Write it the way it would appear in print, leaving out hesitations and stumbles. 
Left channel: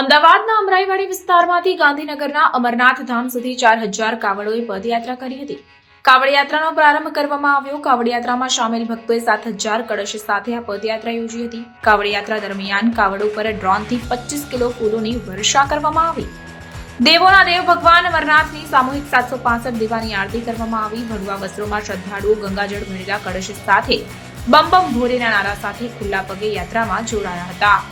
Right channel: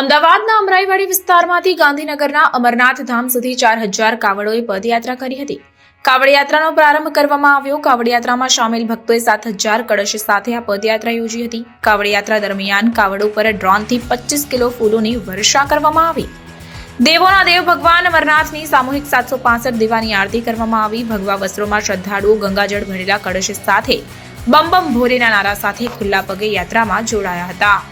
અમદાવાદના અમરાઈવાડી વિસ્તારમાંથી ગાંધીનગરના અમરનાથ ધામ સુધી 4000 કાવડોએ પદયાત્રા કરી હતી। કાવડ યાત્રાનો પ્રારંભ કરવામાં આવ્યો। કાવડ યાત્રામાં સામેલ ભક્તોએ 7000 કળશ સાથે આ પદયાત્રા યોજી હતી। કાવડ યાત્રા દરમિયાન કાવડો પર ડ્રોનથી 25 કિલો ફૂલોની વર્ષા કરવામાં આવી। દેવોના દેવ ભગવાન અમરનાથની સામૂહિક 765 દીવાની આરતી કરવામાં આવી। ભગવા વસ્ત્રોમાં શ્રદ્ધાળુઓ ગંગાજળ ભરેલા કળશ સાથે બમ બમ ભોલેના નારા સાથે ખુલ્લા પગે યાત્રામાં જોડાયા હતા।